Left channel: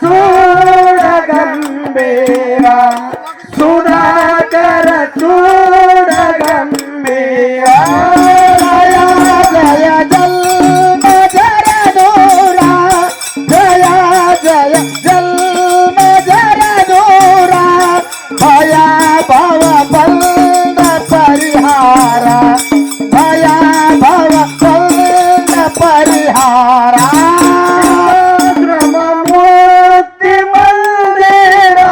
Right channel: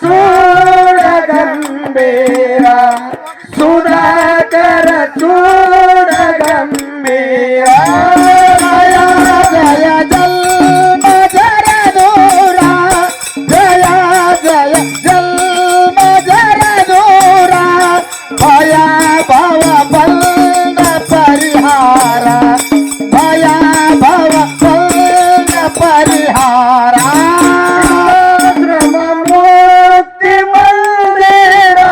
चूड गंभीरा सुधाकर चूड गंभीरा जय जन्म जर दोरा जय जय जन्म जर दोरा भया भव बंद परिहारा भया भव बंद परिहारा मुक्ति मंदिरा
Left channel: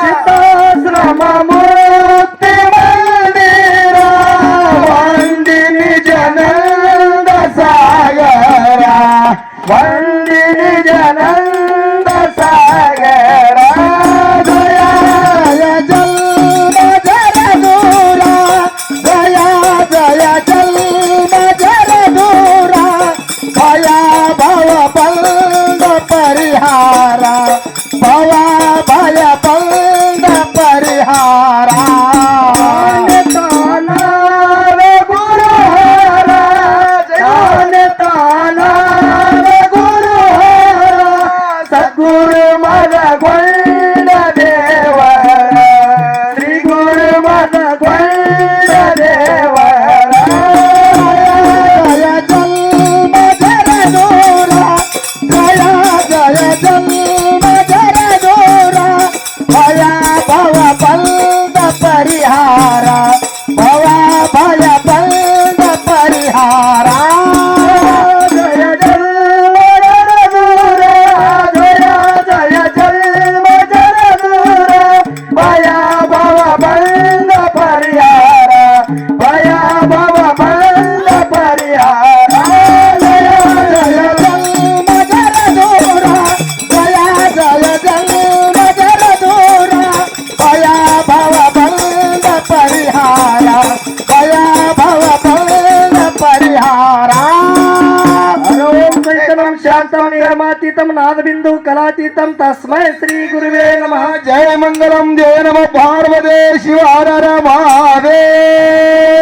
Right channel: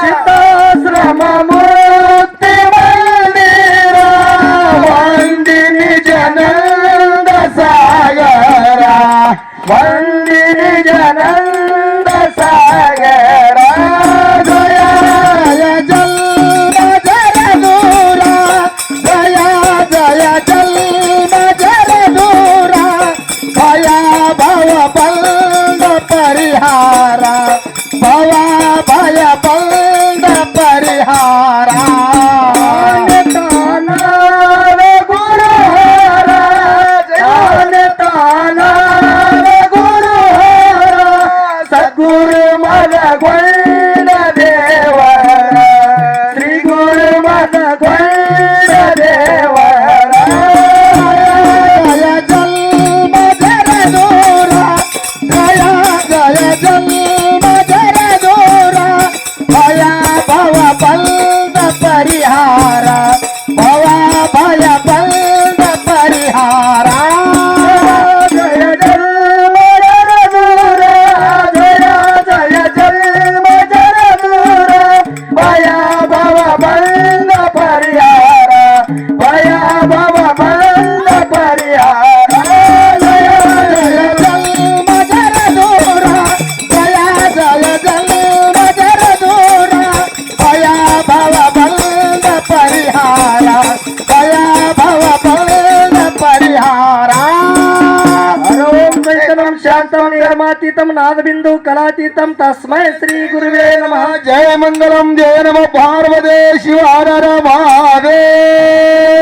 चिताश्रम मुक्ति मंदिरा वंदिनी जनंद सागरा वंदिनी जनंद सागरा जय जन्म जर दूरा जय जय जन्म जर दूरा भया भव बंद परिहारा भवा भय बंद परिहारा तानार गुरुहारा तानार गुरुहारा सद्गुरु मन ಗೊಂಡ ದೇವರ ಶ್ರೀ ಗುರು ಮನ ಗೊಂಡ ದೇವರ ಜಯ ಜನ್ಮ ಜರ ದೂರ ಜಯ ಜಯ ಜನ್ಮ ಜರ ದೂರ ಭಯ ಭವ ಬಂದ ಪರಿಹಾರ ಭವ ಭಯ ಬಂದ ಪರಿಹಾರ ಜಯ ಜನ್ಮ ಜರ ದೂರ ಜಯ ಜಯ ಜನ್ಮ ಜರ ದೂರ ಭಯ ಭವ ಬಂದ ಪರಿಹಾರ ಭಯ ಭವ ಬಂದ ಪರಿಹಾರ ಜಯ ಜಯ ಜನ್ಮ ಜರ ದೂರ ಜಯ ಜಯ ಜನ್ಮ ಜರ ದೂರ ಭಯ ಭವ ಬಂದ ಪರಿಹಾರ ಭಯ ಭವ ಬಂದ ಪರಿಹಾರ ಓಂ ಚೈತನ್ಯಂ ಶಾಂತಂ ನಿರ್ಮಾತೀತಂ ನಾದಬಿಂದು ಕಲಾತೀತಂ ತಸ್ಮೈ ಶ್ರೀ ಗುರುವೇ ನಮಃ ಜಯ ಮಂಗಲಂ ಜಯ ನಮ ಪಾರ್ವದೇ ಶಿವ ಹರ ಹರ ಮಹಾದೇವ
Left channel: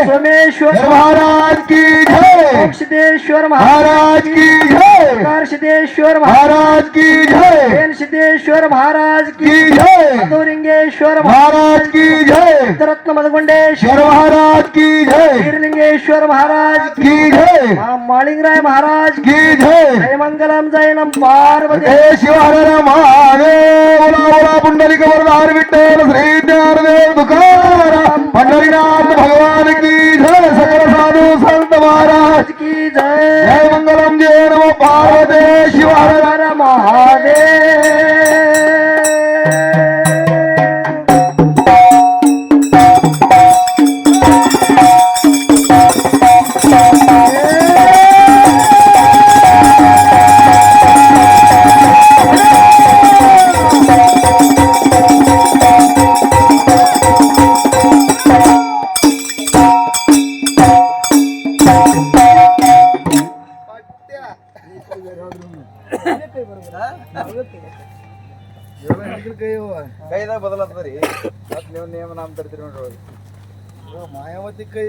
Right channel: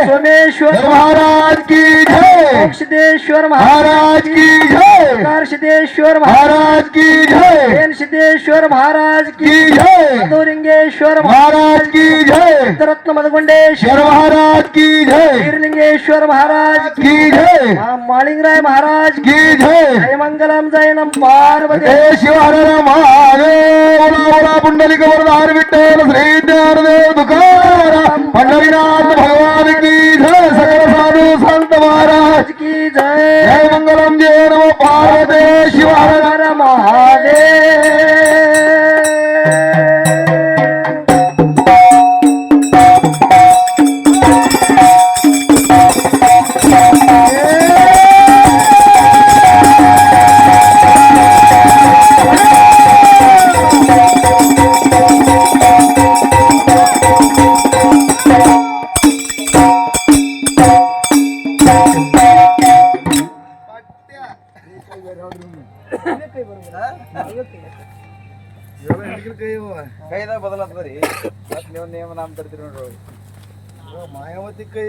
सोमेश्वर महाराज की जय सिद्धेश्वर महाराज की जय सिद्धेश्वर महाराज की जय सिद्धेश्वर महाराज की जय मधुलिंगेश्वर महाराज की जय रत्न मधुगुंडेश्वर महाराज की जय वीरलिंगेश्वर महाराज की जय मालिंगराय महाराज की जय जय मंगलम जय नम पार्वती शिव हर हर महादेव पुंडलिक वरदान विठ्ठल श्री ज्ञानदेव तुकाराम पंढरीनाथ भगवान की जय सकल साधु संत महाराज की जय जय मंगलम जय नमो पार्वती शिव हर हर महादेव ಕೈದಾಗ ಬದಲಾಗ್ತದ್ರಿ ಮತ್ ನೀವು ನೇಮ ನಾಮ ತರ್ತೀರಿ ನೋಡ್ರಿ ಮಾಯಾವತಿ ಕೈ